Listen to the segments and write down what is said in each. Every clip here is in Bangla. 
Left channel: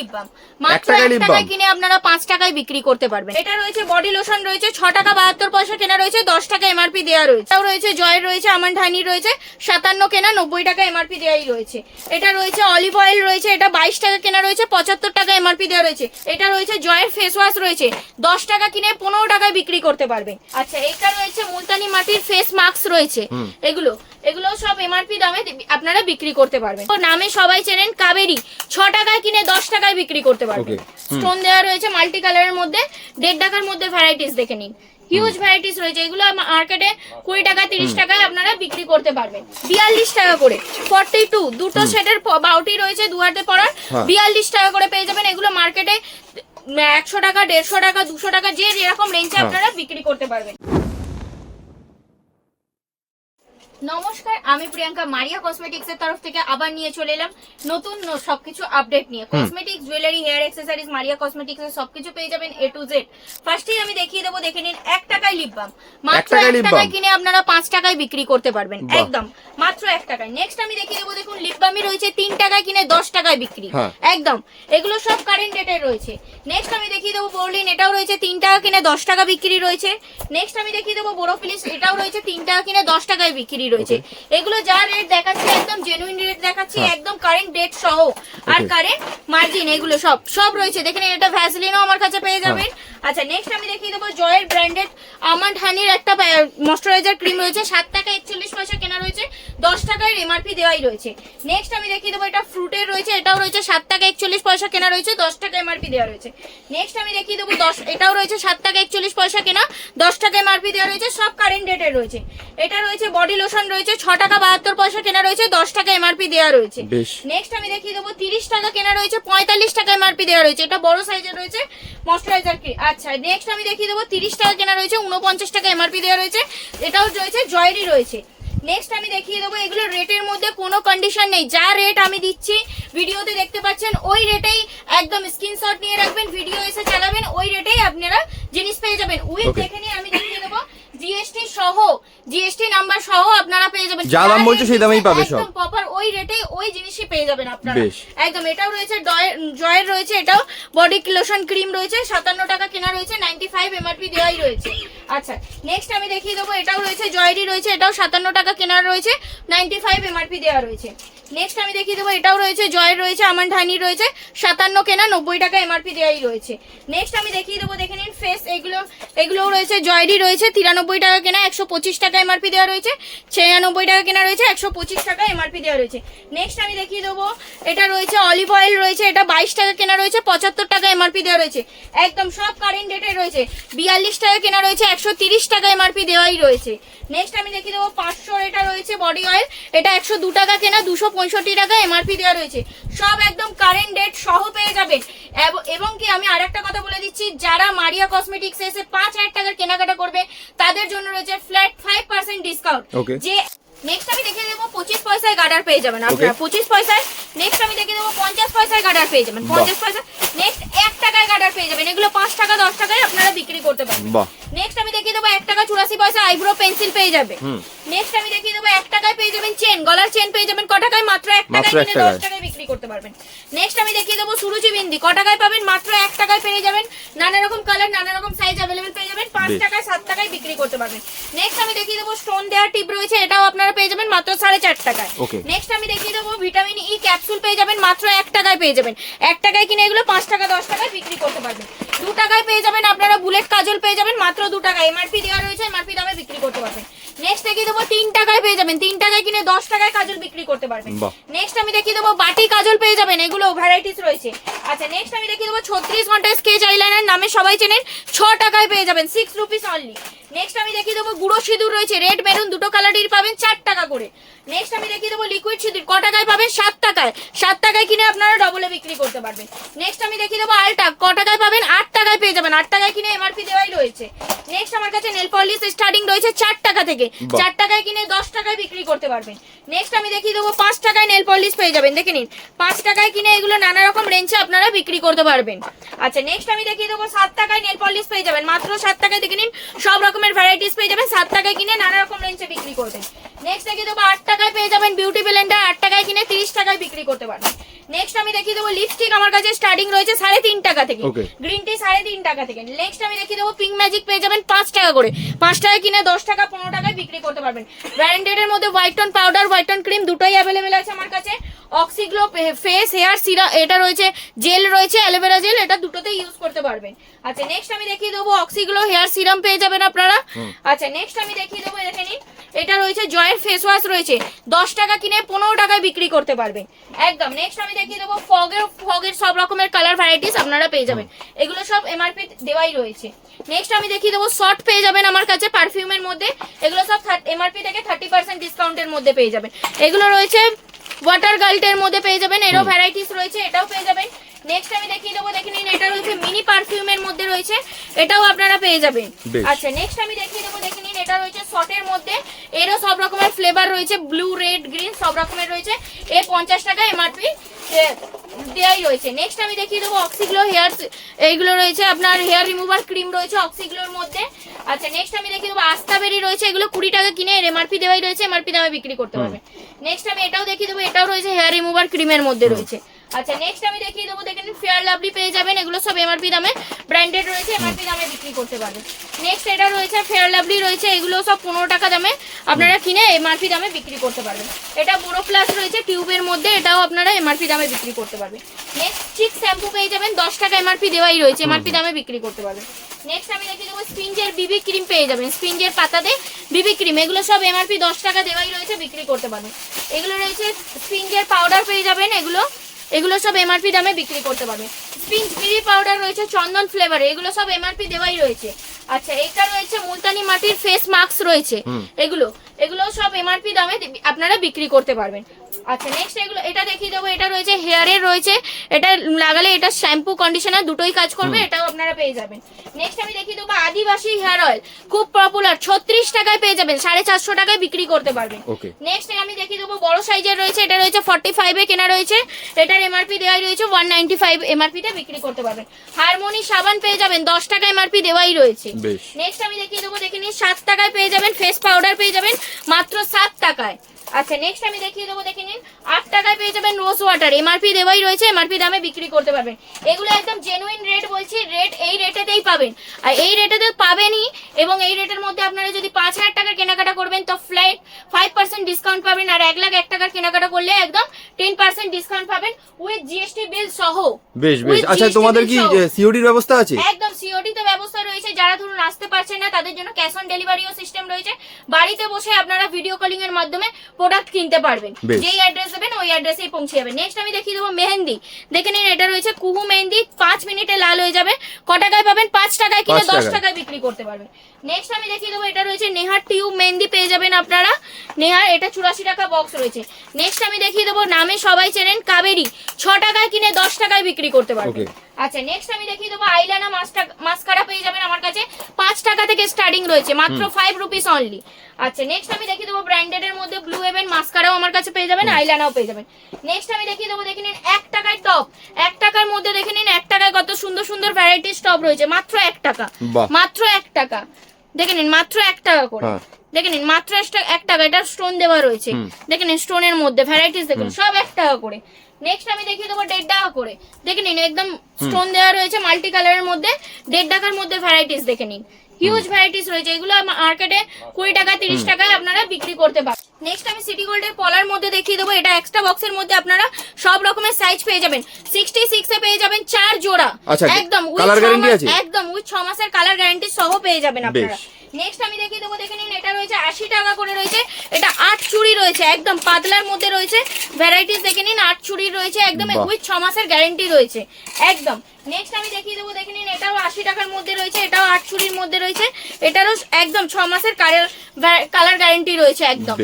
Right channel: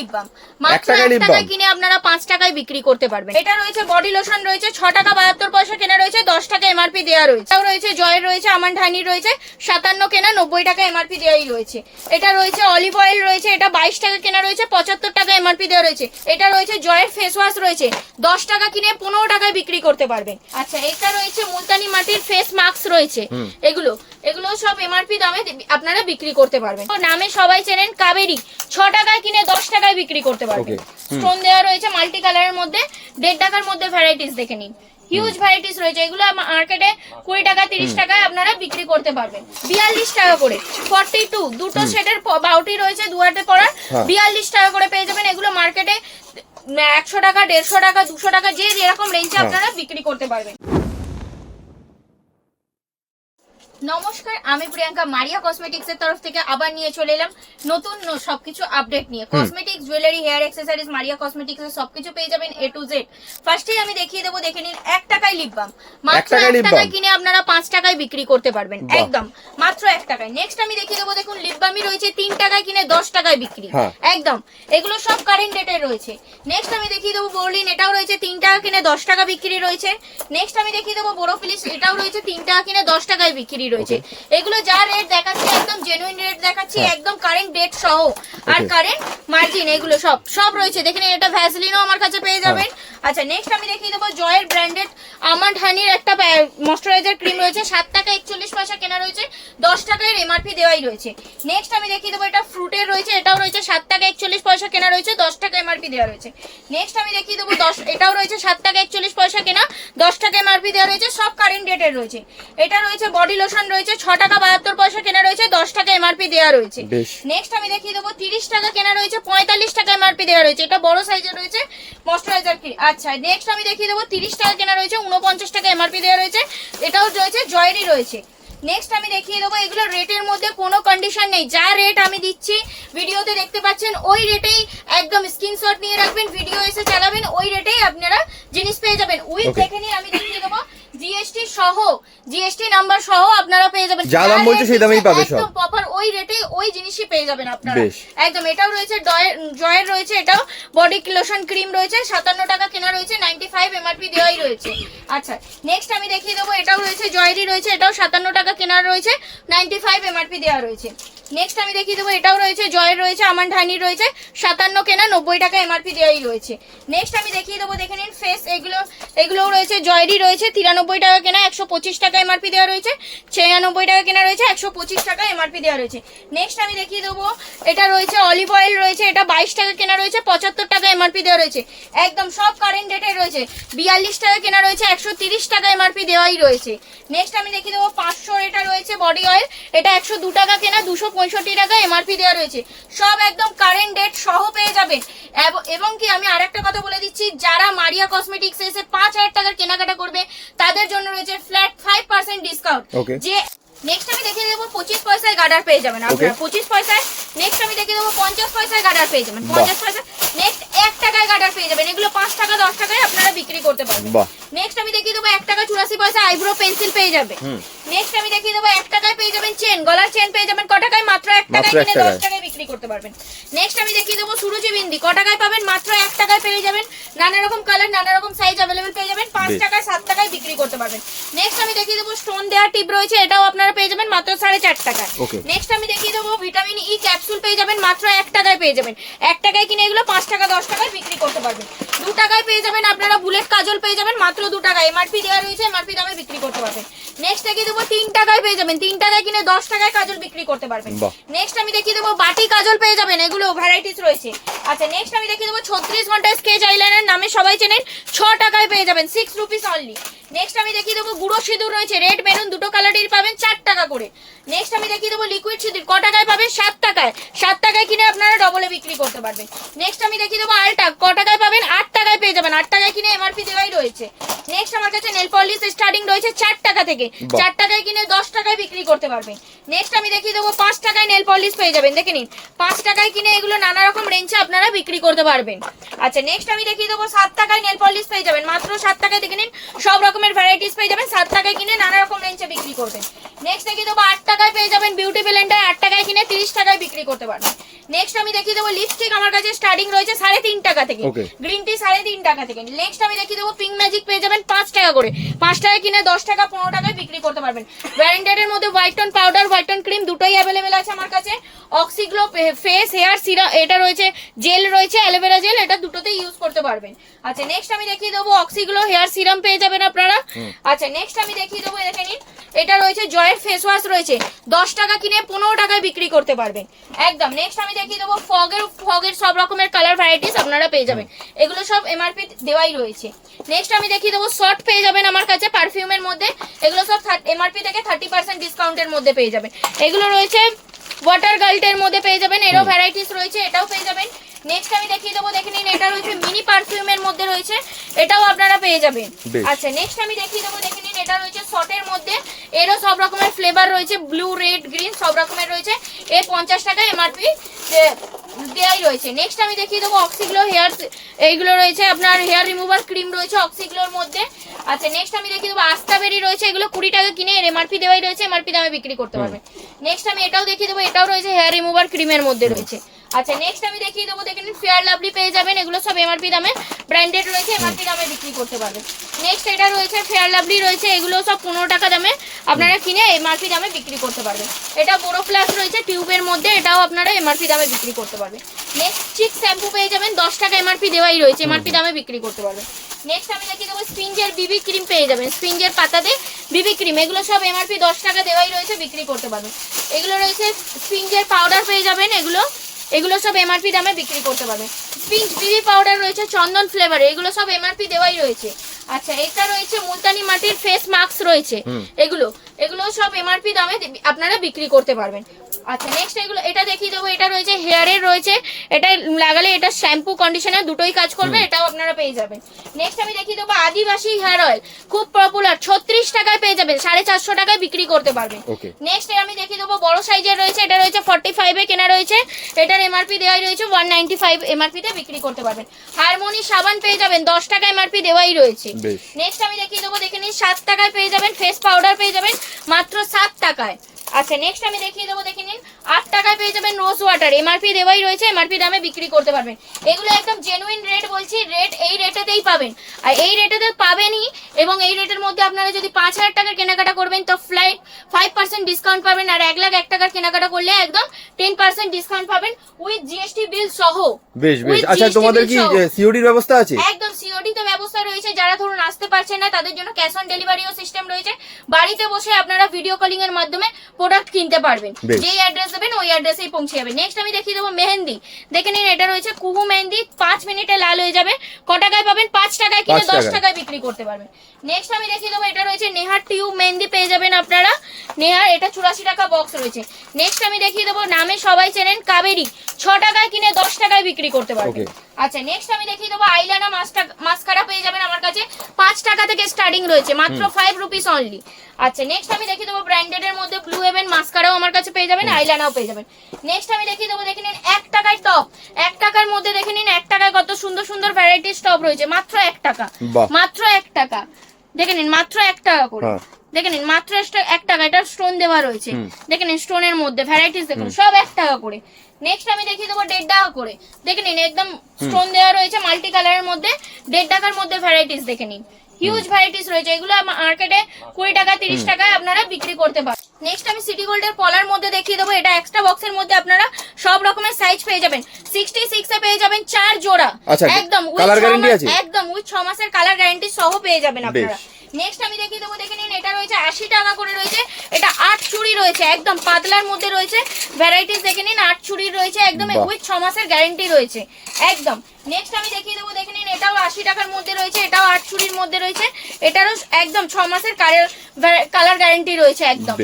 Lip balm. মাত্র টাকায় এক টাকায় কিনে আপনারা পাঁচ টাকায় বিক্রি করতে পারবেন। এটা রয়েছে বডি লোশন রয়েছে ছ টাকা বাহাত্তর পয়সা কেনা রয়েছে দশ টাকা এমআরপি দেওয়া রয়েছে। এটাও রয়েছে জয়ের রয়েছে আমন্ড হানি রয়েছে সাতান্ন কেনা নব্বই টাকা এমআরপি দেওয়াই রয়েছে। এটা রয়েছে অলিভ অয়েল রয়েছে এটা বাইশ টাকা কেনা রয়েছে পঁচাত্তর টাকা এমআরপি দেওয়া রয়েছে। এটা রয়েছে জয়ের ফেস ওয়াশ রয়েছে দশ টাকা কিনে পনেরো টাকায় বিক্রি করতে পারবেন। আচ্ছা এটা রয়েছে মুলতানি মাটির ফেস মাস্ক রয়েছে। এগুলো এগুলো সব এমআরপি দামে আপনারা বিক্রি করতে পারবেন। তো নামে সবাই চেনেন কাবেরি ছ টাকায় কিনে দশ টাকায় বিক্রি করতে পারবেন. স্টোন দেওয়া রয়েছে মাল্টি কালারের মধ্যে দেড় টাকার মধ্যে ভ্যারাইটিস দেখে নিন। হিউজ ভ্যারাইটিস রয়েছে এগুলো মার্কেটে কুড়ি টাকা তিরিশ টাকায় আপনারা বিক্রি করতে পারবেন। বিয়াল্লিশ টাকা করে ফর্টি টু দুটো সেটের বাউটি রয়েছে দুয়াতে পড়ার হ্যাঁ। বিয়াল্লিশ টাকা করে পেয়ে যাবেন এগুলো মার্কেটে একশো টাকা দেড়শো টাকা দুশো টাকা যে যেরকম রেঞ্জে হ্যাঁ। আপনারা বিক্রি করতে পারবেন। নমস্কার আমি প্রিয়াঙ্কা মারিয়া কসমেটিক্স এর তরফ থেকে আবার নিয়ে চলে এলাম নতুন সবকিছু আপডেট নিয়ে। Cosmetics jewellery hair accessories Maria cosmetics এর সবকিছু পেয়ে যাবেন এ টু জেড ফার্স্টে আমি দেখিয়ে দেবো দেখে নিন এক টাকায় লিপ বাম মাত্র এক টাকায় কিনে আপনারা পাঁচ টাকায় বিক্রি করতে পারবেন। একদম মাত্র এক টাকায়। নেক্সট আমি দেখিয়ে দেবো দেখুন লিপ বামই রয়েছে তিন টাকায় কিনে দশ টাকায় বিক্রি। হ্যাঁ। একদম এগুলো সব কারেন্ট রেটে রয়েছে। নেক্সট আমি দেখিয়ে দেবো বোরলিন এটাও রয়েছে তিন টাকা কিনে দশ টাকা বিক্রি রয়েছে। নেক্সট আমি দেখিয়ে দেবো বোরোফিলিস এটাও রয়েছে তিন টাকা কিনে দশ টাকায় বিক্রি রয়েছে। এগুলো যা রেট দেখাচ্ছি একদম জেনুইন রেট দেখাচ্ছি। একদম কারেন্ট ডেট সহ। আর কারেন্ট মার্জিন এগুলো সব সব রয়েছে। দেখেন এটা ভ্যাসলিনও আমার কাছে পেয়ে যাবেন। হ্যাঁ। আচ্ছা নেক্সট আমি দেখিয়ে দেবো জয়ের ব্র্যান্ডেড আমন্ড হানির একটা ময়শ্চারাইজার ক্রিম রয়েছে। সাত টাকা একচল্লিশ পয়সা কেনা রয়েছে। দশ টাকায় এমআরপি দেওয়াই রয়েছে। নেক্সট আমি দেখিয়ে দেবো এটা ফ্রুটের রয়েছে এটাও রয়েছে। সাত টাকা একচল্লিশ পয়সা কেনা রয়েছে দশ টাকা এমআরপি দেওয়া রয়েছে। নেক্সট আমি দেখিয়ে দেবো দশ এটাও রয়েছে। সাত টাকা একচল্লিশ পয়সা কেনা দশ টাকা এমআরপি দেওয়া রয়েছে। সব কারেন্ট ডেটের রয়েছে। এটা রয়েছে বডি লোশন রয়েছে ছ টাকা বাহাত্তর পয়সা কেনা রয়েছে দশ টাকা এমআরপি দেওয়া রয়েছে। নেক্সট আমি দেখিয়ে দেবো তিরিশ টাকা কেনা রয়েছে পঁয়তাল্লিশ টাকা এমআরপি দেওয়া রয়েছে। এটা বড় সাইজের রয়েছে ময়শ্চারাইজার কি আচ্ছা নেক্সট আমি দেখিয়ে দেবো তিরিশ টাকা কেনা রয়েছে উনপঞ্চাশ টাকা এমআরপি দেওয়া রয়েছে এটাও রয়েছে জয়েরই রয়েছে। নেক্সট আমি দেখিয়ে দেবো এগুলো রেটের মধ্যে কোনো কন্ডিশন নেই। যা রেট আমি দিচ্ছি ভিডিওতে দেখতে পাচ্ছেন ওই রেটেই একদম স্ক্রিনশট নিয়ে রাখবেন ভিডিও এসে চালাবেন ওই রেটেই আপনারা জিনিস পেয়ে যাবেন। উইথ দেখে নিয়ে আমি দেখিয়ে দেবো জিএসটি সহ জিএসটি নাম্বার সহ আপনারা পেয়ে যাবেন। যা দাম বলছে সেই দামেই পাবে সব। একদম প্রপার ওই রেটে ওই জিনিসই পেয়ে যাবেন আপনারা। একদম এটাও রয়েছে জয়ের রয়েছে এটাও। বডি লোশন ক্রিম রয়েছে সাতান্ন টাকা কেনা রয়েছে নাইনটি ফাইভ এমআরপি দেওয়াই রয়েছে। আচ্ছা নেক্সট আমি দেখিয়ে দেবো এটাও রয়েছে জয়েরই রয়েছে এটাও সাতান্ন টাকা কেনা রয়েছে নাইনটি ফাইভ এমআরপি দেওয়া রয়েছে। নেক্সট আমি দেখিয়ে দেবো, এটাও রয়েছে, জয়ের রয়েছে আমার হানি রয়েছে, সাতান্ন কেনা নব্বই টাকা এমআরপি দেওয়াই রয়েছে। নেক্সট আমি দেখিয়ে দেবো, দেখে নিন ফেস এগুলো, এগুলোও রয়েছে, জয়েরই রয়েছে, তিরানব্বই টাকা কেনা, একশো পঁচিশ টাকা এমআরপি দেওয়া রয়েছে, ছিয়ানব্বই টাকা কেনা রয়েছে, একশো পঁচিশ টাকা এমআরপি দেওয়া রয়েছে। নেক্সট আমি দেখিয়ে দেবো, এটা রয়েছে অলিভ অয়েল রয়েছে, এটা বাইশ টাকা কেনা রয়েছে, পঁচাত্তর এমআরপি দেওয়া রয়েছে। একদম সব কারেন্ট ডেটে রয়েছে। বিয়াল্লিশ টাকা কেনা রয়েছে একশো তিরিশ টাকা এমআরপি দেওয়াই রয়েছে। নেক্সট আমি দেখিয়ে দেবো পাঁচশো এটা রয়েছে বডি অয়েল এটা একশো দু টাকা কেনা দুশো পঁয়ষট্টি টাকা এমআরপি দেওয়া রয়েছে। সব একদম কারেন্ট ডেট সহ পেয়ে যাবেন এবং কি আমি আরেকটা কথা বলে দিচ্ছি যারা মারিয়া কসমেটিক্স এসে পাঁচ হাজার টাকার কেনাকাটা করবে তাদের জন্য রয়েছে ফ্ল্যাট ফাইভ পার্সেন্ট ডিসকাউন্ট যে নেক্সট আমি দেখিয়ে দেবো পঁচিশ পয়সায় গার্ডার পেয়ে যাবেন আপনারা পঁচিশ পয়সায়। নেক্সট আমি দেখিয়ে দেবো পঞ্চাশ পয়সায় গার্ডার পেয়ে যাবেন। পঞ্চাশ পয়সা নেক্সট এক টাকায় গার্ডার পেয়ে যাবেন। এগুলো পাঁচ টাকা দশ টাকায় আপনারা বিক্রি করতে পারবেন। নেক্সট আমি দেখিয়ে দেবো এক টাকা চুরাশি পয়সা আইব্রো পেন্সিল পেয়ে যাবে। নেক্সট আমি দেখিয়ে দেবো এক টাকায় পেয়ে যাবেন চেন। গলার চেন পেয়ে যাবেন ক টাকায়? মাত্র এক টাকায় কিনে দশ টাকায়। করতে পারবেন। নেক্সট আমি দেখিয়ে দেবো সুরুচি বিন্দি। ক টাকায় পাবেন? মাত্র এক টাকায় পেয়ে যাবেন। নানা রকম কালার নানা রকম সাইজ অ্যাভেলেবেল পেয়ে যাবেন। পাঁচ টাকায় সাত টাকায় বিক্রি করতে পারবেন। নেক্সট আমি দেখিয়ে দেবো স্টোন দেওয়ার টিপ রয়েছে। এটাও আপনারা পেয়ে যাবেন মাত্র সাড়ে চার টাকা। নেক্সট আমি দেখিয়ে দেবো ভিটামিন ই ক্যাপসুল পেয়ে যাবেন। মাত্র এক টাকায় পেয়ে যাবেন। এক টাকায় কিনে এগুলো পাঁচ টাকা দশ টাকায় বিক্রি করতে পারবেন। দু টাকায় পেয়ে যাবেন আপনারা বুলেট কাজল পেয়ে যাবেন। মাত্র দু টাকা। এমআরপি দেওয়া রয়েছে। এমআরপি দামে বিক্রি করতে পারবেন। নেক্সট দেখিয়ে দেবো? তিন টাকায় পেয়ে যাবেন। তিন টাকায় কিনে দশ টাকায় কাজল বিক্রি করতে পারবেন। নেক্সট আমি দেখিয়ে দেবো বাটি কাজল পেয়ে যাবেন। এগুলো ভ্যারাইটিস রয়েছে। আচ্ছা নেক্সট আমি দেখিয়ে দেবো ছত্রিশ ঘণ্টা স্কেচ আইলাইনার নামে সবাই চেনেন ছ টাকায় পেয়ে যাবেন সিক্স রুপিস অনলি নেক্সট আমি দেখিয়ে দেবো গুঁড়ো সিঁদুর রয়েছে রেড মেরুন দুটো কালারের পাবেন চার টাকা করে। নেক্সট আমি দেখিয়ে দেবো লিকুইড সিঁদুর ক টাকায় পাবেন সাত টাকায়। সাত টাকায় কিনে আপনারা ডবলে বিক্রি করতে পারবেন। নেক্সট আমি দেখিয়ে দেবো আলটা ক টাকায় পাবেন? আট টাকায় পেয়ে যাবেন। আট টাকায় কিনে এমআরপি দেওয়াই রয়েছে। নেক্সট আমার কাছে নেল পলিশ স্টার্টিং রয়েছে চার টাকা থেকে। বাহ। চার টাকায় কিনে দশ টাকায় বিক্রি করতে পারবেন নেক্সট আমি দেখিয়ে দেবো পাঁচ টাকায় নেল পলিশ পেয়ে যাবেন। দেখে নিন পাঁচ টাকায় কিনে এগুলো নানা রকম রেঞ্জে আপনারা বিক্রি করতে পারবেন। আচ্ছা নেক্সট আমি দেখিয়ে দেবো সাত টাকায় নেল পলিশ পেয়ে যাবেন। মাত্র সাত টাকায় দেখে নিন সব রকমের ভ্যারাইটিস পেয়ে যাবেন। সাত টাকায় কিনে নানা রকম রেঞ্জে বিক্রি করবেন। নেক্সট দেখিয়ে দেবো আট টাকায় পেয়ে যাবেন বিউটি ব্লেন্ডার আট টাকায় কিনে তিরিশ টাকায় বিক্রি করতে পারবেন। নেক্সট আমি দেখিয়ে দেবো লিপস্টিক আমার কাছে স্টার্টিং রয়েছে সাড়ে তিন টাকা থেকে। গ্রিন টি সাড়ে তিন টাকা থেকে। নেক্সট আমি দেখিয়ে দেবো পিঙ্ক ম্যাজিক পেয়ে যাবেন পাঁচ টাকা করে। পাঁচ টাকা কিনে দশ টাকা পনেরো টাকায় বিক্রি করতে পারবেন। ব্র্যান্ডেড এর মধ্যে white tone powder white tone cream দুটোই অ্যাভেলেবেল আছে আমার কাছে। অক্সিগ্লো ফেস হেয়ার সিরা এটা রয়েছে জেল রয়েছে অ্যালোভেরা জেল এটা দুটোতেই ইউজ করতে পারবেন। আচ্ছা নেক্সট আমি দেখিয়ে দেবো অক্সিগ্লো হেয়ার সিরাম পেয়ে যাবেন আপনারা। আচ্ছা নেক্সট আমি দেখিয়ে দেবো দেখে নিন। এটা রয়েছে জয়ের ফেস ওয়াশ রয়েছে। দশ টাকা কিনে পনেরো টাকায় বিক্রি করতে পারবেন। একদম নেক্সট আমি দেখিয়ে দেবো। ফগের ফগের সব রকমের কালার ভ্যারাইটিস আপনারা পেয়ে যাবেন। এগুলো সব এমআরপি দেওয়াই রয়েছে। নেক্সট আমি দেখিয়ে দেবো শর্ট পেয়ে যাবেন আমার কাছে পারফিউমের মধ্যে। এগুলো সব এমআরপি থেকে থার্টি পার্সেন্ট ডিসকাউন্টের মধ্যে পেয়ে যাবেন। এগুলো রয়েছে ওয়াটার গাল্টের মধ্যে পেয়ে যাবেন। এরও ভ্যারাইটিস রয়েছে এটাও পেয়ে যাবেন। নেক্সট আমি দেখিয়ে দেবো দেখে নিন এটা রয়েছে মিনি পারফিউমের মধ্যে রয়েছে। এটাও আপনারা পেয়ে যাবেন। আচ্ছা নেক্সট আমি দেখিয়ে দেবো দেখে নিন এটা রয়েছে শর্টের মধ্যে। এরও সব রকমের ফ্লেভার রয়েছে ব্লু রেড গ্রিন সব রকমের রয়েছে। এর পঞ্চাশ টাকা এমআরপি দেওয়াই রয়েছে। নেক্সট আমি দেখিয়ে দেবো অক্সিগ্লো হেয়ার এইগুলো রয়েছে আপনার হেয়ার রিমুভার ক্রিম রয়েছে অক্সিগ্লোর মধ্যে। আচ্ছা নেক্সট আমি দেখিয়ে দেবো আস্তাবেরি রয়েছে এগুলো কুড়ি টাকা কিনে এর এমআরপি দেওয়াই রয়েছে এমআরপি দামে বিক্রি করতে পারবে নেক্সট আমি এটাও দেখিয়ে দেবো এটাও রয়েছে হেয়ার রিমুভার ক্রিমের মধ্যে রয়েছে। আচ্ছা নেক্সট আমি দেখিয়ে দেবো দেখে নিন ফেয়ার লাভলি পেয়ে যাবেন এগুলো সব এমআরপি দামে ব্র্যান্ডেড রয়েছে এমআরপি দামে বিক্রি করতে পারবেন। নেক্সট এটা রয়েছে ফেয়ার লাভলি রয়েছে এগুলো সব পনেরো টাকা দামে আপনারা কিনে এমআরপি দামে বিক্রি করতে পারবেন। এটা বোরো প্লাস রয়েছে টিউবের মধ্যে এটাও আপনারা এমআরপি দামে বিক্রি করতে পারবেন। নেক্সট চিক শ্যাম্পু পেয়ে যাবেন দশ টাকা এমআরপি দেওয়াই রয়েছে এমআরপি দামে বিক্রি করতে পারবেন। নেক্সট আমি দেখিয়ে দেবো স্পিঞ্জের বিবি ক্রিম পেয়ে যাবেন স্পিঞ্জের পাতাতে বিবি ক্রিম এগুলো সব এমআরপি দশ টাকা দেওয়াই রয়েছে বিক্রি করতে পারবেন। এগুলো রয়েছে স্পিঞ্জের পাউডার পেয়ে যাবেন এগুলো এগুলো সব এমআরপি দামে বিক্রি করতে পারবেন স্পিন পাউডার রয়েছে, চন্দন ফ্লেভারে এগুলো সব এমআরপি দেওয়াই রয়েছে। আচ্ছা এটা রয়েছে মুলতানি মাটির ফেস মাস্ক রয়েছে। এগুলো এগুলো সব এমআরপি দামে আপনারা বিক্রি করতে পারবেন। আচ্ছা নেক্সট এগুলো এটা দেখিয়ে দেবো এটা রয়েছে হেয়ারের রয়েছে। এটা লাগালে এটা শ্যাম্পু কন্ডিশনার দুটোই কাজ করবে এটাও আপনারা পেয়ে যাবেন। নেক্সট আমি দেখিয়ে দেবো আদিবাসী হেয়ার অয়েল খুব পপুলার ছত্রিশ টাকায় পেয়ে যাবেন সাড়ে চারশো টাকায় বিক্রি করতে পারবেন। নেক্সট আমি দেখিয়ে দেবো বড় সাইজের রয়েছে এটা রয়েছে ফর্টি ফাইভে কেনা রয়েছে। এটার এমআরপি দেওয়াই রয়েছে ওয়ান নাইনটি ফাইভ এমআরপি তে বিক্রি করতে পারবেন। হারমোনি সাবান পেয়ে যাবেন দশ টাকা এমআরপি দেওয়াই রয়েছে। নেক্সট আমি দেখিয়ে দেবো, দেখে নিন, সাত টাকায় পেয়ে যাবেন ফেস পাউডার পেয়ে যাবেন, মাত্র সাত টাকায়। আচ্ছা নেক্সট আমি দেখিয়ে দেবো দেখে নিন। আট টাকায় পেয়ে যাবেন রোজ ওয়াটার এমআরপি দেওয়াই রয়েছে এমআরপি দামে বিক্রি করতে পারবেন। এগুলো একদম জেনুইন রেট বলছি রেট এই রেটেতেই পাবেন। আর এই রেটেতে পাবেনই এবং এই রেটের মধ্যে আপনারা যদি পাঁচ হাজার টাকার কেনাকাটা করবেন তো ফ্লাইট ফাইভ পার্সেন্ট ডিসকাউন্ট পাবেন আর এক লাখ এক টাকার কেনাকাটা করলে একদম টেন পার্সেন্ট ডিসকাউন্ট পাবেন উইথ জিএসটি বিল সহ। বেশ বেশ। আচ্ছা তোমাদের কি। সিওডির ব্যবস্থা আছে? একদম সিওডি তো ব্যবস্থা রয়েছে যারা ধরুন আসতে পারছেন না তাদের জন্য ক্যাশ অন ডেলিভারিও সিস্টেম রয়েছে। বাড়িতে বসে আপনারা ভিডিও কলিং এর মাধ্যমে প্রোডাক্ট কিনতে পারবেন। যেই অ্যাড্রেস দেবেন ওই অ্যাড্রেসেই পৌঁছে যাবে নেক্সট আমি দেখিয়ে দেবো মেহেন্দি। দেখে নিন এটা রয়েছে কুহু মেহেন্দি। পাঁচ মিনিটে লাল হয়ে যাবে। ক টাকায় পাবেন? পাঁচ টাকায় কিনে দশ টাকায়। বিক্রি করতে পারবেন। নেক্সট আমি দেখিয়ে দেবো এটা রয়েছে নেহার টিউব মেহেন্দি। পেয়ে যাবেন আপনারা। নেহার এটা চুরাশি টাকা বক্স রয়েছে। নেক্সট আমি দেখিয়ে দেবো নামে সবাই চেনেন কাবেরি। ছ টাকায় কিনে দশ টাকায় বিক্রি করতে পারবেন। আচ্ছা নেক্সট আমি দেখিয়ে দেবো আইলানা মাস্কারা পেয়ে যাবেন আমার কাছে। পাঁচ টাকা থেকে স্টার্টিং রয়েছে মাত্র ফাইভ রুপিস অনলি আচ্ছা নেক্সট আমি দেখিয়ে দেবো ব্র্যান্ডেড এর মধ্যে ব্লু হেভেন মাস্কারাও আমার কাছে পেয়ে যাবেন আইলানাও পেয়ে যাবেন। নেক্সট আমি দেখিয়ে দেবো দেখে নিন এক টাকার টপ এক টাকার মধ্যে দেখে নিন এক টাকায় কত সুন্দর সুন্দর ভ্যারাইটিস টপ রয়েছে মাত্র এক টাকা। মাত্র এক টাকা। দেখে নিন মাত্র এক টাকা করে। হ্যাঁ। দেখে নিন মাত্র এক টাকা এটা স্টোন দেওয়া রয়েছে। দেখে নিন স্টোনের মধ্যে ভ্যারাইটিস দেখুন সব এক টাকা করে। নেক্সট আমি দেখিয়ে দেবো দেড় টাকা করে। দেখে নিন একদম স্টোন দেওয়া রয়েছে মাল্টি কালারের মধ্যে দেড় টাকার মধ্যে ভ্যারাইটিস দেখে নিন। হিউজ ভ্যারাইটিস রয়েছে। এগুলো মার্কেটে কুড়ি টাকা তিরিশ টাকায় আপনারা বিক্রি করতে পারেন নেক্সট আমি সিটি গোল্ডের পলার মধ্যে দেখিয়ে দেবো। এটা এক্সট্রা বক্সের মধ্যে আপনারা সব রকমের সাইজ পেয়ে যাবেন। সিক্সটি সিক্স এ পেয়ে যাবেন চার জোড়া। আচ্ছা, একদম guarantee মাস- আছে? একদম উইথ ছ মাসের কালার গ্যারান্টি সহ পেয়ে যাবেন আপনারা। নেক্সট আমি দেখিয়ে দেবো দেখে নিন এটা রয়েছে আশি টাকা করে রয়েছে। এটা আট চুড়ি রয়েছে একদম পাতলার মধ্যে রয়েছে। ভ্যারাইটিস দেখে নিন আট চুড়ির রয়েছে একদম উইথ ছ মাসের গ্যারেন্টি রয়েছে। একদম। নেক্সট আমি দেখিয়ে দেবো দেখে নিন এটাও আশি টাকার মধ্যে রয়েছে এটাও আট চুরির মধ্যে রয়েছে। এটারও একদম ছ মাসের কালার গ্যারেন্টি রয়েছে একদম।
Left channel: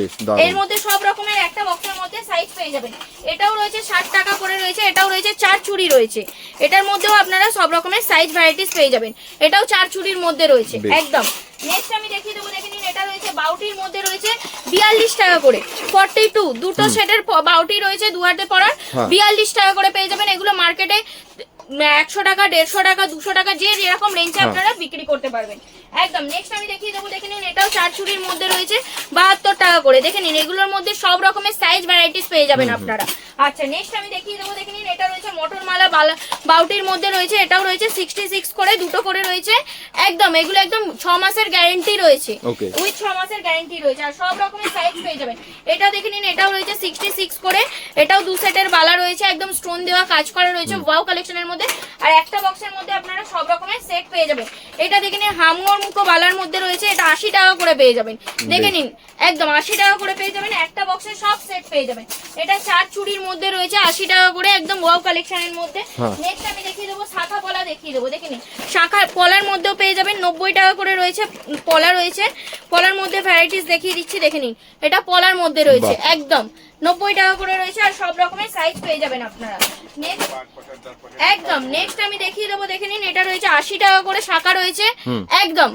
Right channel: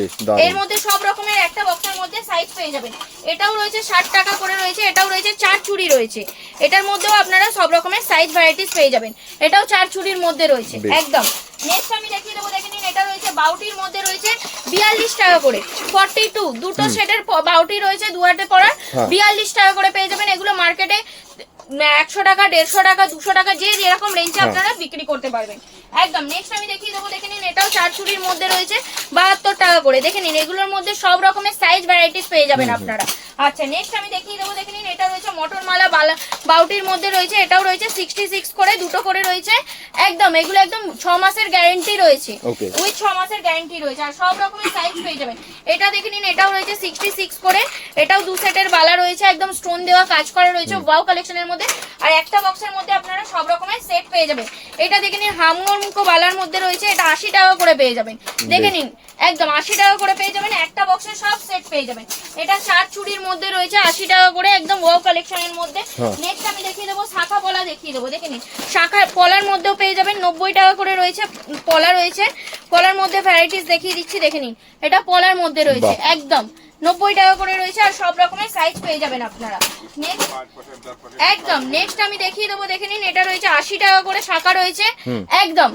এর মধ্যে সব রকমের একটা বক্সের মধ্যে সাইজ পেয়ে যাবেন। এটাও রয়েছে ষাট টাকা করে রয়েছে এটাও রয়েছে চার চুড়ি রয়েছে। এটার মধ্যেও আপনারা সব রকমের সাইজ ভ্যারাইটিস পেয়ে যাবেন। এটাও চার চুড়ির মধ্যে রয়েছে একদম। নেক্সট আমি দেখিয়ে দেবো দেখে নিন এটা রয়েছে বাউটির মধ্যে রয়েছে বিয়াল্লিশ টাকা করে। ফর্টি টু দুটো সেটের বাউটি রয়েছে দুয়াতে পড়ার হ্যাঁ। বিয়াল্লিশ টাকা করে পেয়ে যাবেন। এগুলো মার্কেটে একশো টাকা দেড়শো টাকা দুশো টাকা যে যেরকম রেঞ্জে হ্যাঁ। আপনারা বিক্রি করতে পারবেন। একদম নেক্সট আমি দেখিয়ে দেবো দেখে নিন এটাও চার চুরির মধ্যে রয়েছে বাহাত্তর টাকা করে। দেখে নিন এগুলোর মধ্যে সব রকমের সাইজ ভ্যারাইটিস পেয়ে যাবেন আপনারা। আচ্ছা নেক্সট আমি দেখিয়ে দেবো দেখে নিন এটা রয়েছে মটর মালা বালা- বাউটির মধ্যে রয়েছে এটাও রয়েছে সিক্সটি সিক্স করে দুটো করে রয়েছে। একদম এগুলো একদম ছ মাসের গ্যারেন্টি রয়েছে. উইথ ছ মাসের গ্যারেন্টি রয়েছে আর সব রকমের সাইজ পেয়ে যাবেন। এটা দেখে নিন এটাও রয়েছে সিক্সটি সিক্স করে এটাও দু সেটের বালা রয়েছে একদম স্টোন দেওয়া কাজ করা রয়েছে ওয়াও কালেকশনের মধ্যে আর একটা বক্সের মধ্যে আপনারা সব রকমের সেট পেয়ে যাবেন। এটা দেখে নিন হামগর মুখো বালার মধ্যে রয়েছে এটা আশি টাকা করে পেয়ে যাবেন। দেখে নিন একদম আশি টাকা করে পেয়ে যাবেন একটা বক্সে সব সেট পেয়ে যাবেন। এটা চার চুড়ির মধ্যে রয়েছে আশি টাকা করে একদম ওয়াও কালেকশনের মধ্যে। হ্যাঁ। নেক্সট আমি দেখিয়ে দেবো শাখা পলা দেখিয়ে দেবো দেখে নিন। শাখা পলার মধ্যেও পেয়ে যাবেন নব্বই টাকা করে রয়েছে পলা রয়েছে। পলার মধ্যে ভ্যারাইটিস দেখিয়ে দিচ্ছি দেখে নিন। এটা পলার মধ্যে রয়েছে একদম। নব্বই টাকা করে রয়েছে আর সব রকমের সাইজ পেয়ে যাবেন আপনারা। একদম নেক্সট আমি দেখিয়ে দেবো দেখে নিন এটা রয়েছে আশি টাকা করে শাখা রয়েছে। একদম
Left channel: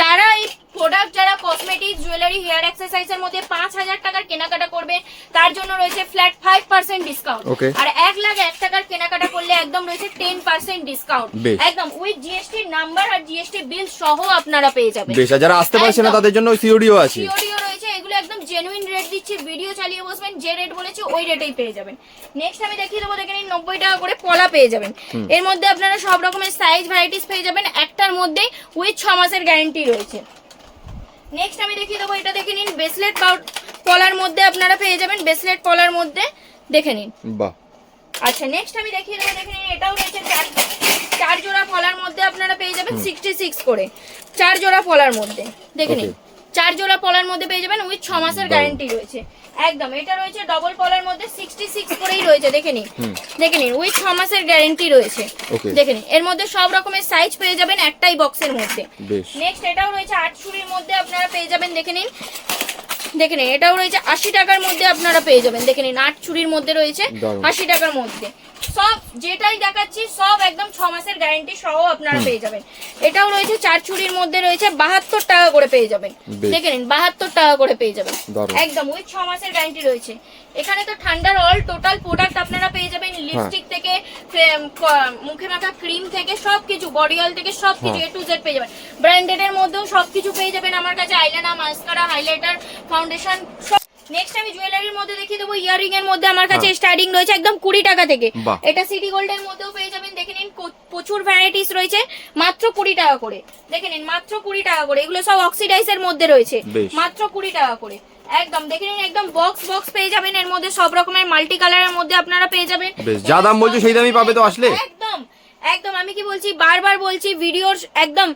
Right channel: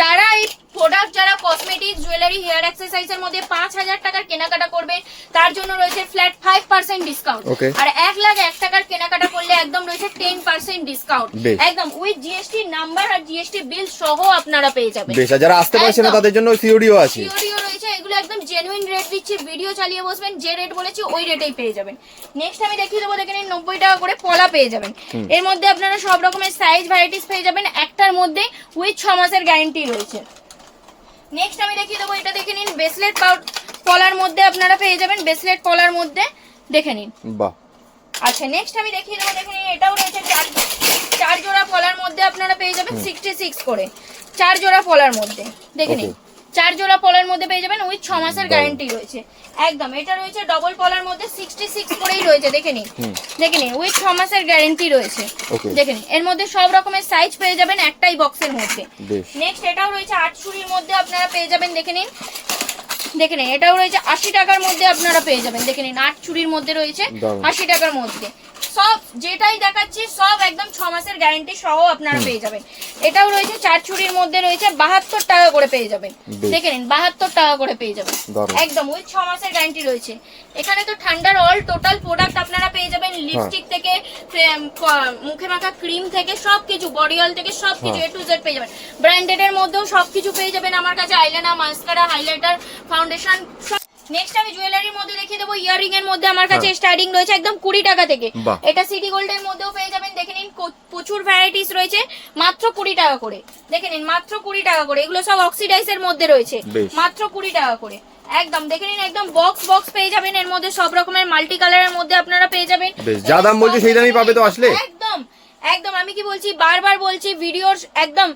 যারা এই প্রোডাক্ট যারা কসমেটিক জুয়েলারি হেয়ার এক্সারসাইজের মধ্যে পাঁচ হাজার টাকার কেনাকাটা করবে তার জন্য রয়েছে ফ্ল্যাট ফাইভ পার্সেন্ট ডিসকাউন্ট আর এক লাখ এক টাকার কেনাকাটা করলে একদম রয়েছে টেন পার্সেন্ট ডিসকাউন্ট একদম উইথ জিএসটি নাম্বার আর জিএসটি বিল সহ আপনারা পেয়ে যাবেন। বেশ যারা আসতে পারছে না তাদের জন্য সিওডিও আছে। সিওডিও এগুলো একদম জেনুইন রেট দিচ্ছি ভিডিও চালিয়ে বসবেন যে রেট বলেছি ওই রেটেই পেয়ে যাবেন। নেক্সট আমি দেখিয়ে দেবো দেখে নিন নব্বই টাকা করে পলা পেয়ে যাবেন। এর মধ্যে আপনারা সব রকমের সাইজ ভ্যারাইটিস পেয়ে যাবেন একটার মধ্যে উইথ ছ মাসের গ্যারেন্টি রয়েছে। নেক্সট আমি দেখিয়ে দেবো এটা দেখে নিন ব্রেসলেট পলার মধ্যে আপনারা পেয়ে যাবেন ব্রেসলেট পলার মধ্যে দেখে নিন। বাহ। আচ্ছা নেক্সট আমি দেখিয়ে দেবো দেখে নিন এটাও রয়েছে চার চার জোড়া ফলার মধ্যে আপনারা পেয়ে যাবেন সিক্সটি সিক্স করে। চার জোড়া ফলার মধ্যে দেখে নিন. চার জোড়া পলার মধ্যে পেয়ে যাবেন উইথ ছ মাসের গ্যারেন্টি রয়েছে। একদম এটা রয়েছে ডবল পলার মধ্যে সিক্সটি সিক্স করেই রয়েছে দেখে নিন। দেখে নিন উইথ ছ মাসের গ্যারেন্টি রয়েছে। দেখে নিন এর মধ্যে সব রকমের সাইজ পেয়ে যাবেন একটাই বক্সের মধ্যে। নেক্সট এটাও রয়েছে আটশুরির মধ্যে আপনারা পেয়ে যাবেন দেখে নিন। দেখে নিন এটাও রয়েছে আশি টাকার মধ্যে আপনারা পেয়ে যাবেন। দেখে নিন আট চুরির মধ্যে রয়েছে আশি টাকার মধ্যে। সব যেটাই দেখাচ্ছি সব একদম ছ মাসের গ্যারান্টি সহ আপনারা পেয়ে যাবেন। এটাও রয়েছে চার চুরির মধ্যে রয়েছে বাহাত্তর টাকা করে পেয়ে যাবেন। দেখে নিন বাহাত্তর টাকা করে পেয়ে যাবেন। একদম ওই ছ মাসের গ্যারান্টি রয়েছে। এখানে তো ঠান্ডার অল টোটাল প্রোডাক্ট আপনারা পেয়ে যাবেন লিপস্টিক থেকে মুখে মাখা ক্রিম থেকে সবকিছু বডি অয়েল থেকে সবকিছু এ হ্যাঁ। টু জেড পেয়ে যাবেন। ব্র্যান্ডেড এর মধ্যেও সবকিছু পেয়ে যাবেন আমার কাছে আইলাইনার মাস্কারা হাইলাইটার ফাউন্ডেশন সব নেক্সট আমি জুয়েলারির মধ্যে দেখিয়ে দেবো ইয়ারিং এর মধ্যে আমার কাছে হ্যাঁ। স্টার্টিং রয়েছে একদম কুড়ি টাকা থেকে। এটা সিটি গোল্ড এর মধ্যেও পেয়ে যাবেন দেখে নিন প্রচুর ভ্যারাইটিস রয়েছে মাত্র কুড়ি টাকা করে। দেখে নিন মাত্র কুড়ি টাকা করে এগুলো সব অক্সিডাইজ এর মধ্যে রয়েছে। মাত্র কুড়ি টাকা করে। একদম দেখে নিন একদম বক্স বক্স পেয়ে যাবেন এর মধ্যে সব রকমের মাল্টি কালারের মধ্যে আপনারা পেয়ে যাবেন। যা দাম বলছে সেই দামই পাবে তো আসলে? একদম আমি কি বলছি বারবার বলছি ভিডিওর একদম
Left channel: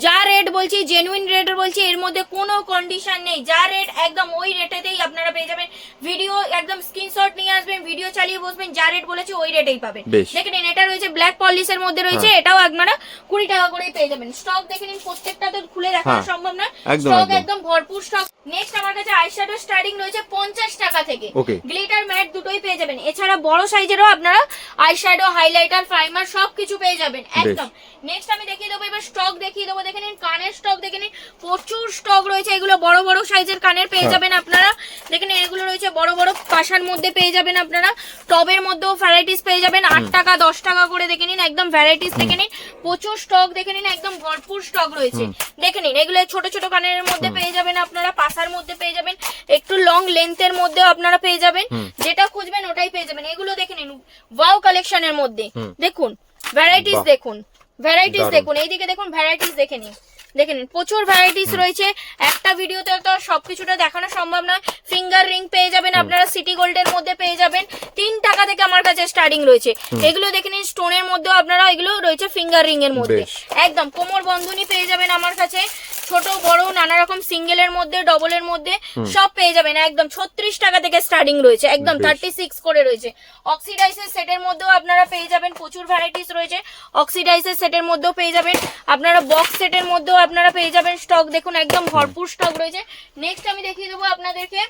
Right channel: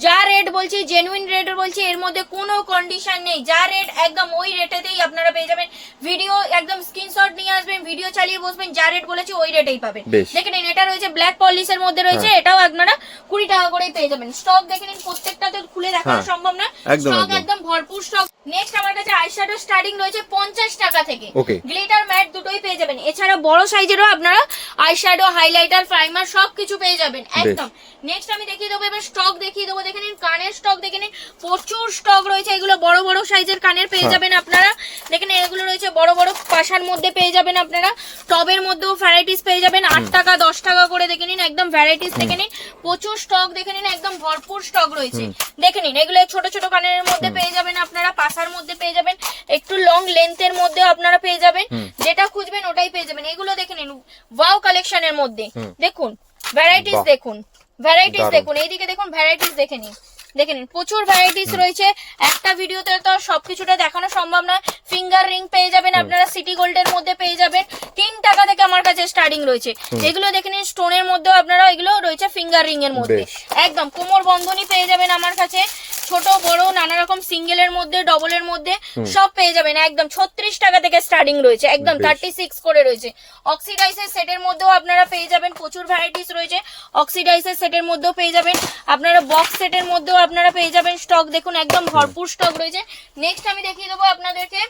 যা রেট বলছি জেনুইন রেট বলছি এর মধ্যে কোনো কন্ডিশন নেই যা রেট একদম ওই রেটেতেই আপনারা পেয়ে যাবেন ভিডিও একদম স্ক্রিনশট নিয়ে আসবেন ভিডিও চালিয়ে বসবেন যা রেট বলেছি ওই রেটেই পাবেন বেশ। দেখে নিন এটা রয়েছে ব্ল্যাক পলিশের মধ্যে রয়েছে হ্যাঁ। এটাও আপনারা কুড়ি টাকা করেই পেয়ে যাবেন স্টক দেখে নিন প্রত্যেকটা তো খুলে দেখানো হ্যাঁ। সম্ভব না স্টক একদম। ভরপুর স্টক নেক্সট আমার কাছে আইশ্যাডো স্টার্টিং রয়েছে পঞ্চাশ টাকা থেকে. গ্লিটার ম্যাট দুটোই পেয়ে যাবেন এছাড়া বড় সাইজেরও আপনারা আইশ্যাডো হাইলাইটার প্রাইমার সবকিছু পেয়ে যাবেন একদম। নেক্সট আমি দেখিয়ে দেবো এবার স্টক দেখিয়ে দেবো। দেখে নিন কানের স্টক দেখে নিন প্রচুর স্টক রয়েছে। এগুলো বড় বড় সাইজের কানের পেয়ে হ্যাঁ। যাবেন আপনারা। দেখে নিন এগুলো রয়েছে বড় বড় পাশার মধ্যে পেয়ে যাবেন আপনারা। টবের মধ্যেও ভ্যারাইটিস পেয়ে যাবেন আট টাকা দশ টাকা করে দেখে নিন একদম ভ্যারাইটিস দেখে নিন। প্রচুর স্টক দেখে নিন একদম ভরপুর স্টক রয়েছে। দেখে নিন এগুলো ছোট ছোট কানের মধ্যে পেয়ে যাবেন আপনারা পাশার মধ্যে পেয়ে যাবেন। একটু লং লেন্থের মধ্যে আপনারা পেয়ে যাবেন। যেটা খুঁজবেন ওটাই পেয়ে যাবেন। এগুলো দেখে নিন ওয়াও কালেকশনের মধ্যে। দেখুন ভ্যারাইটিস দেখুন। ভ্যারাইটিস দেখুন এইদিকে দেখুন ভ্যারাইটিস দেখে নিন। দেখে নিন প্রচুর ভ্যারাইটিস রয়েছে। একটা ভিডিওতে তো সবকিছুটা দেখানো সম্ভব নয়। ফিঙ্গার রিং পেয়ে যাবেন আপনারা সিটি গোল্ডের মধ্যে পেয়ে যাবেন। তিন টাকা থেকে আমার কাছে স্টার্টিং রয়েছে। এগুলো দেখে নিন স্টোনের মধ্যেও আপনারা এগুলো রয়েছে ফিঙ্গার রিং এর মধ্যে। একদম কোমর বন্ধনী পেয়ে যাবেন আমার কাছে। ছোট বড় নানা রকম সিঙ্গেলের মধ্যে ডবলের মধ্যে সব পেয়ে যাবেন। একদম ছত্রিশ টাকা থেকে স্টার্টিং রয়েছে। একদম থার্টি সিক্স করে রয়েছে। অক্সিডাইসের সেটের মধ্যেও আপনারা পেয়ে যাবেন প্রচুর ভ্যারাইটিস রয়েছে। অক্সিডাইসের সেটের মধ্যেও পেয়ে যাবেন। আপনারা বক্স সেটের মধ্যেও আপনারা পেয়ে যাবেন স্টক দেখুন একদম ভরপুর স্টক রয়েছে। নেক্সট আমি দেখিয়ে দেবো আপনাদেরকে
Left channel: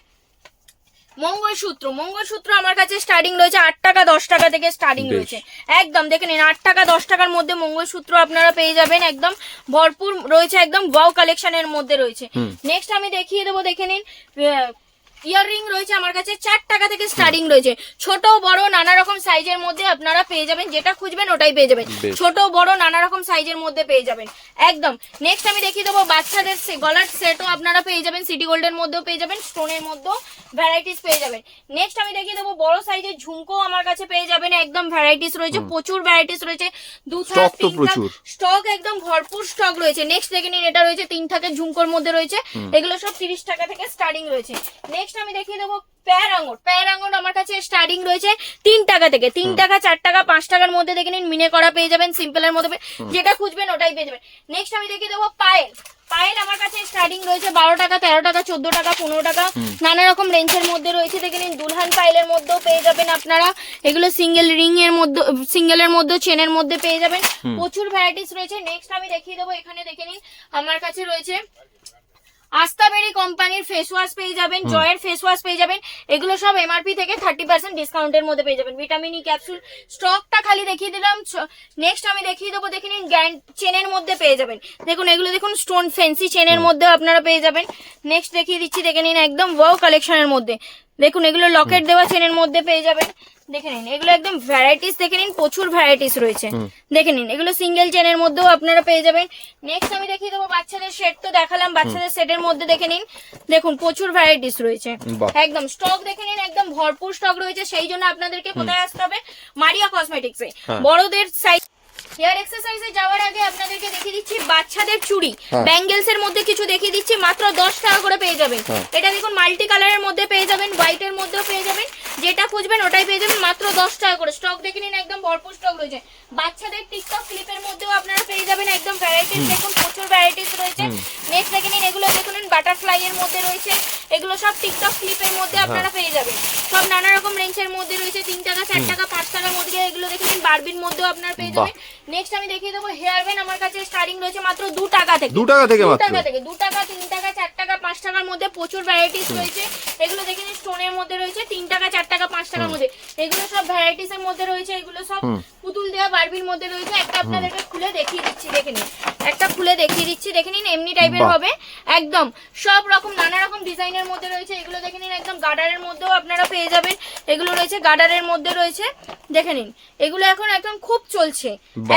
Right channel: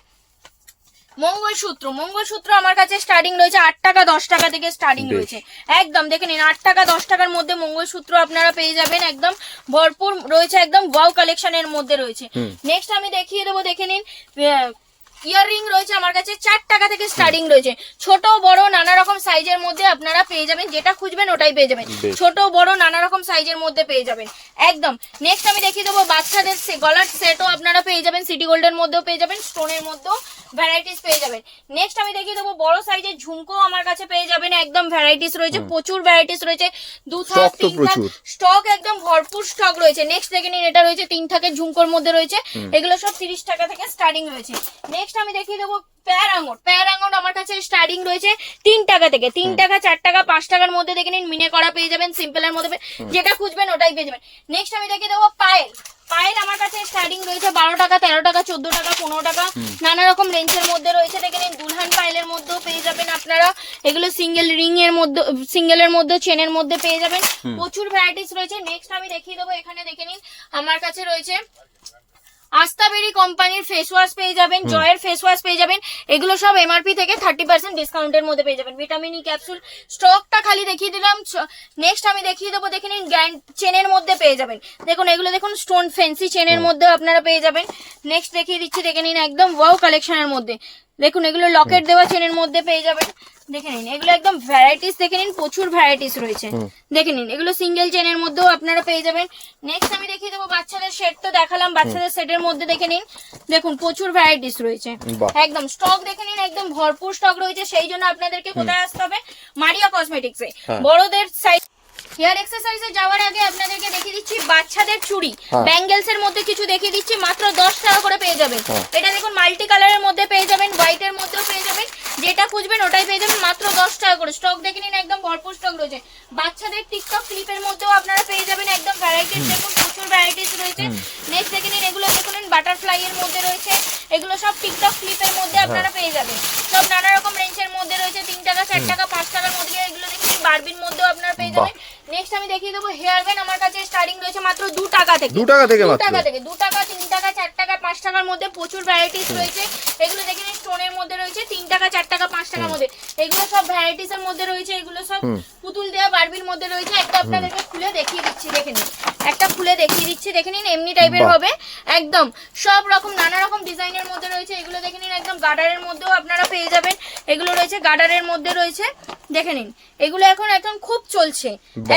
মঙ্গলসূত্র। মঙ্গলসূত্র আমার কাছে স্টার্টিং রয়েছে আট টাকা দশ টাকা থেকে স্টার্টিং রয়েছে। একদম দেখে নিন আট টাকা দশ টাকার মধ্যে মঙ্গলসূত্র আপনারা পেয়ে যাবেন। একদম ভরপুর রয়েছে একদম ওয়াও কালেকশনের মধ্যে রয়েছে। নেক্সট আমি দেখিয়ে দেবো দেখে নিন ইয়াররিং রয়েছে আমার কাছে চার টাকা থেকে স্টার্টিং রয়েছে। ছোট বড় নানা রকম সাইজের মধ্যে আপনারা পেয়ে যাবেন যেটা খুঁজবেন ওটাই পেয়ে যাবেন। ছোট বড় নানা রকম সাইজের মধ্যে পেয়ে যাবেন। একদম। নেক্সট আমি দেখিয়ে দেবো বাচ্চাদের সে- গলার সেটও আপনারা পেয়ে যাবেন সিটি গোল্ডের মধ্যেও পেয়ে যাবেন স্টোনের মধ্যেও ভ্যারাইটিস পেয়ে যাবেন। নেক্সট আমি দেখিয়ে দেবো বড় সাইজের ঝুমকো আমার কাছে পেয়ে যাবেন একদম ভ্যারাইটিস রয়েছে প্রচুর ভ্যারাইটিস রয়েছে। দু থাক তিন থাক স্টক একদম ভরপুর স্টক রয়েছে। নেক্সট দেখে নিন এটা রয়েছে তিন থাকের ঝুমকোর মধ্যে রয়েছে। এগুলো সব তিরিশ টাকা থেকে স্টার্টিং রয়েছে। নেক্সট আমি দেখিয়ে দেবো প্যার আঙুর। প্যার আঙুর আমার কাছে স্টার্টিং রয়েছে তিন টাকা থেকে। তিন টাকা চার টাকা পাঁচ টাকার মধ্যে দেখে নিন মিনে করা পেয়ে যাবেন সিম্পলের মধ্যে যেটা খুঁজবেন ওটাই পেয়ে যাবেন। নেক্সট আমি দেখিয়ে দেবো পায়েল। পায়েল আমার কাছে স্টার্টিং রয়েছে বারো টাকা তেরো টাকা চোদ্দ টাকা পনেরো টাকা। নানা রকম রেঞ্জের মধ্যে রয়েছে। দেখে নিন দুলহান পায়েলের মধ্যেও পেয়ে যাবেন আপনারা। এগুলো সিঙ্গেল রিং এর মধ্যে সিঙ্গেলের মধ্যে চেনের মধ্যে পেয়ে যাবেন। প্রচুর ভ্যারাইটিস রয়েছে। নেক্সট আমি দেখিয়ে দেবো এখানে দেখে নিন আমার কাছে রয়েছে আস্তাবেরি কোম্পানির ফেস ওয়াশ পেয়ে যাবেন জয়ের ফেস ওয়াশ পেয়ে যাবেন। এগুলো সব এমআরপি থেকে থার্টি পার্সেন্ট ডিসকাউন্টের মধ্যে পেয়ে যাবেন। ভিটামিন ই ক্যাপসুল স্টকটা খালি দেখিয়ে দিলাম। নেক্সট আমি দেখিয়ে দেবো দেখে নিন গ্যান্ড চেনের মধ্যে পেয়ে যাবেন। দেখুন এগুলো দেখুন স্টোন ফেন্সি চেনের মধ্যে আপনারা পেয়ে যাবেন। নেক্সট দেখিয়ে দিচ্ছি দেখে নিন একদম ওয়াও কালেকশনের মধ্যে। দেখুন এগুলো লকেট দেওয়া চেনের মধ্যে পেয়ে যাবেন। দেখে নিন এগুলো একদম ভ্যারাইটিস দেখে নিন প্রচুর ভ্যারাইটিস রয়েছে। দেখে নিন এগুলো সিঙ্গেল চেনের মধ্যেও আপনারা পেয়ে যাবেন। নেক্সট আমি দেখিয়ে দেবো বাচ্চাদের সেট তো দেখালাম বাচ্চাদের সেটের মধ্যে দেখে নিন। দেখুন প্রচুর ভ্যারাইটিস রয়েছে। একদম স্টক দেখে নিন একদম ভরপুর স্টক রয়েছে সেই জন্য আপনাদেরকে কোথায় আসতে হবে? মারিয়া কসমেটিক্সে হ্যাঁ। বড়দের সাইজ হেয়ার এক্সারসাইজে যাওয়ার আগে আপনাদেরকে দেখিয়ে দিচ্ছি বাচ্চাদের চুড়ি। ব্যাঙ্গেলস এর মধ্যে কিছু দেখিয়ে দিচ্ছি মাত্র দশ টাকা করে পেয়ে যাবেন। হ্যাঁ। এটা দেখুন মাল্টি কালারের মধ্যে পেয়ে যাবেন হোয়াইটের মধ্যেও পেয়ে যাবেন। যেটা খুঁজবেন ওটাই পেয়ে যাবেন মাত্র দশ টাকা করে। স্টক দেখে নিন একদম ভরপুর স্টক রয়েছে। বাচ্চাদের টিকটক ক্লিপের মধ্যেও আপনারা পেয়ে যাবেন একদম ভ্যারাইটিস দেখুন প্রচুর ভ্যারাইটিস রয়েছে। নেক্সট দেখে নিন এগুলো দেখুন বাটারফ্লাই এর মধ্যে রয়েছে। এগুলো সব টিকটক ক্লিপের মধ্যে আপনারা পেয়ে যাবেন। সব নানা রকম রেঞ্জের মধ্যে রয়েছে তিন টাকা চার টাকা পাঁচ টাকার মধ্যে এগুলো দেখে নিন বারবির মধ্যেও আপনারা পেয়ে যাবেন। নেক্সট আমি দেখিয়ে দেবো হেয়ার ব্যান্ড আমার কাছে স্টার্টিং রয়েছে মাত্র দু টাকা থেকে। দু টাকা থেকে দু টাকা থেকে দু টাকা তিন টাকা চার টাকা পাঁচ টাকার মধ্যে প্রচুর ভ্যারাইটিস রয়েছে। এগুলো দেখে নিন মধ্যে রয়েছে তিন টাকা চার টাকা পাঁচ টাকার মধ্যে। এগুলো সব ভ্যারাইটিস এর মধ্যে রয়েছে এগুলো সব পুতুল দেওয়া বারবির মধ্যে রয়েছে। একটা আপনাদেরকে খুলে দেখিয়ে দিচ্ছি দেখে নিন। একটা খুলে দেখিয়ে দিচ্ছি দেখে নিন এমনি টাইপের হবে। একদম সব রকম নানা রকম ডিজাইনের মধ্যে রয়েছে। এগুলো দেখে নিন একদম গার্ডারের মধ্যেও আপনারা পেয়ে যাবেন। এগুলো রয়েছে গার্ডারের মধ্যে রয়েছে। দেখে নিন এগুলো এখন এখন খুব চলছে।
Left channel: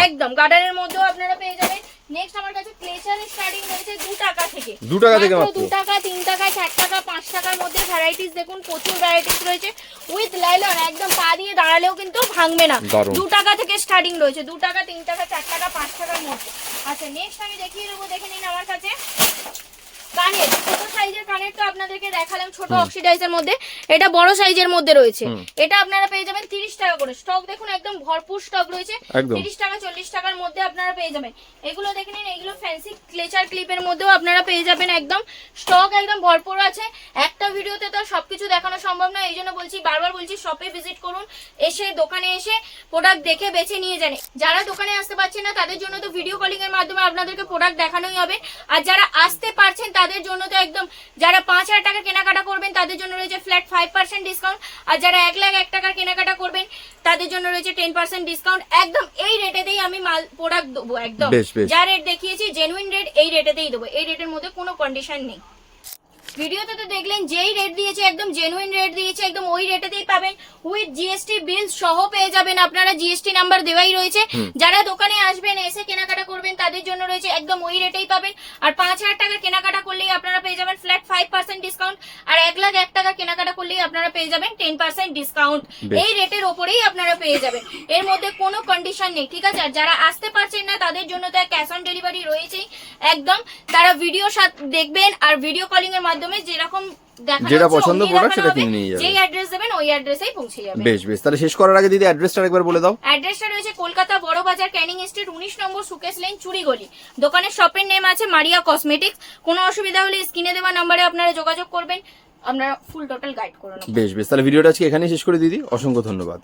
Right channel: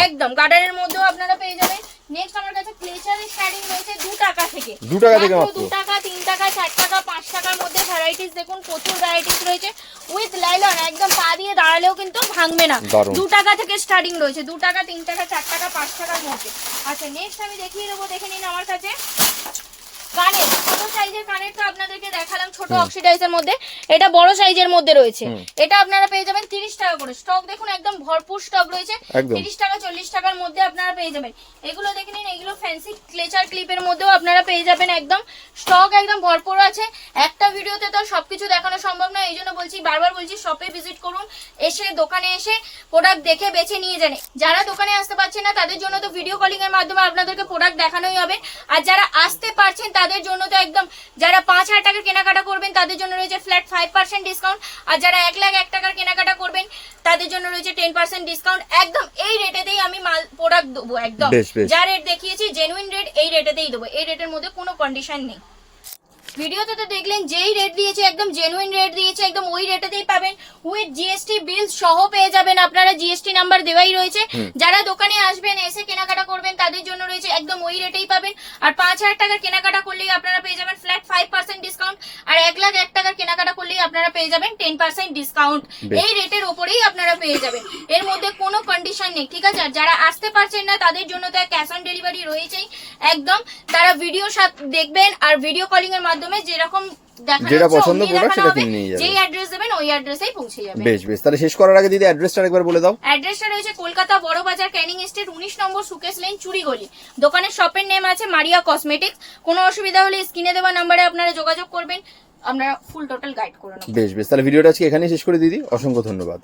একদম গার্ডারের মধ্যেও আপনারা পেয়ে যাবেন। নেক্সট আমার কাছে ক্লেচারের স্টার্টিং রয়েছে 2 টাকা থেকে। 2 টাকা থেকে মাত্র 2 টাকা তিন টাকা চার টাকা পাঁচ টাকার মধ্যে ভ্যারাইটিস দেখুন প্রচুর ভ্যারাইটিস রয়েছে। উইথ লাইলন একদম পা দিয়ে দাঁড়ালেও কিন্তু ভাঙবে না। দারুণ। দু টাকা থেকে স্টার্টিং রয়েছে দু টাকা 3 টাকা চার টাকা পাঁচ টাকার মধ্যে। আচ্ছা নেক্সট আমি দেখিয়ে দেবো দেখে নিন আমার কাছে। কানের ছোট সাইজের কানের তো আপনাদেরকে দেখালাম ছোট অক্সিডাইজের মধ্যে। এটা বড় সাইজের মধ্যে রয়েছে। এটা আপনারা পেয়ে যাবেন তিরিশ টাকা করে। স্টক দেখুন একদম ভরপুর স্টক রয়েছে। একদম। তিরিশ টাকা চল্লিশ টাকার মধ্যে আপনারা পেয়ে যাবেন। এগুলো দেখে নিন এগুলো ফ্যান্সি ক্লেচার ক্লিপের মধ্যেও আপনারা পেয়ে যাবেন একদম। স্টক একদম ভরপুর আছে। একটা ভিডিওতে তো সবকিছু দেখানো সম্ভব নয় এই জন্য বলছি বারবার বলছি শপে ভিজিট করুন এসে দোকানে এসে প্রোডাক্ট দেখে বেছে নিয়ে যান। যারা দোকানে আসতে পারছে না তাদের জন্য তো ভিডিও কলিং এর মাধ্যমে আপনাদেরকে প্রোডাক্ট দেখানোই হবে। আর যারা আসতে পারছেন তাদের জন্য তো একদম যারা পাঁচ হাজার টাকা কেনাকাটা করবেন তাদের জন্য রয়েছে ফ্ল্যাট ফাইভ পার্সেন্ট ডিসকাউন্ট আর যারা এক লাখ এক টাকার কেনাকাটা করবেন তাদের জন্য রয়েছে টেন পার্সেন্ট ডিসকাউন্ট একদম এই রেটেতেই আমি মাল প্রোডাক্ট দেবো একদম। যা রেট দেখিয়েছি জেনুইন রেট এই রেটেতেই দেবো। এই রেটের মধ্যে কোনো কন্ডিশন নেই। ভিডিওতে তো দেখলেন যেই রেট দিয়েছে একদম জেনুইন রেট দিয়েছে একদম ওই রেটেতেই পাবেন। উইথ জিএসটি বিল সহ পেয়ে যাবেন আপনারা জিএসটি নাম্বার দেওয়াই রয়েছে। যারা দোকানে আসবেন এসে কেনাকাটা করবেন তাদের জন্য রয়েছে একদম ওই রেটেই পাবেন। আর পাঁচ হাজার টাকার কেনাকাটা করলেই আপনারা পেয়ে যাবেন ফ্ল্যাট ফাইভ পার্সেন্ট ডিসকাউন্ট আর এক লাখ এক টাকার কেনাকাটা করলেই আপনারা পেয়ে যাবেন টেন পার্সেন্ট ডিসকাউন্ট এই রেটের ওপরেই আপনারা পেয়ে যাবেন। এর মধ্যে কোনো কন্ডিশন নেই ঠিক আছে? আর যারা আসতে পারছেন না তাদের জন্য তো ক্যাশ অন ডেলিভারি রয়েছেই। একদম তারা ভিডিও দেখবেন আর ভিডিও কলিং এর মাধ্যমে যেরকম যেটা পছন্দ দেখানো সেটা কিনে নিয়ে যাবে। যেই অ্যাড্রেস দেবেন ওই অ্যাড্রেসেই পৌঁছে যাবে। বেশ বেশ তাহলে শেষ করার আগে দিদি অ্যাড্রেসটা একবার বলে দাও। অ্যাড্রেসটা রয়েছে কলকাতা বড় বাজার ক্যানিং স্ট্রিট উনিশ নম্বর সুকেশ লাইন চুরিগলি দোকানের শপের নেম আছে মারিয়া কসমেটিক্স কোনো অসুবিধা হলে স্ক্রিনে দেওয়া নাম্বারে আপনারা যোগাযোগ করবেন। আমরা ফুল টোটাল গাইড করে নেব। বেশ বেশ তাহলে ভিডিওটা আজকে এখানেই শেষ করে দিদি। অসংখ্য ধন্যবাদ।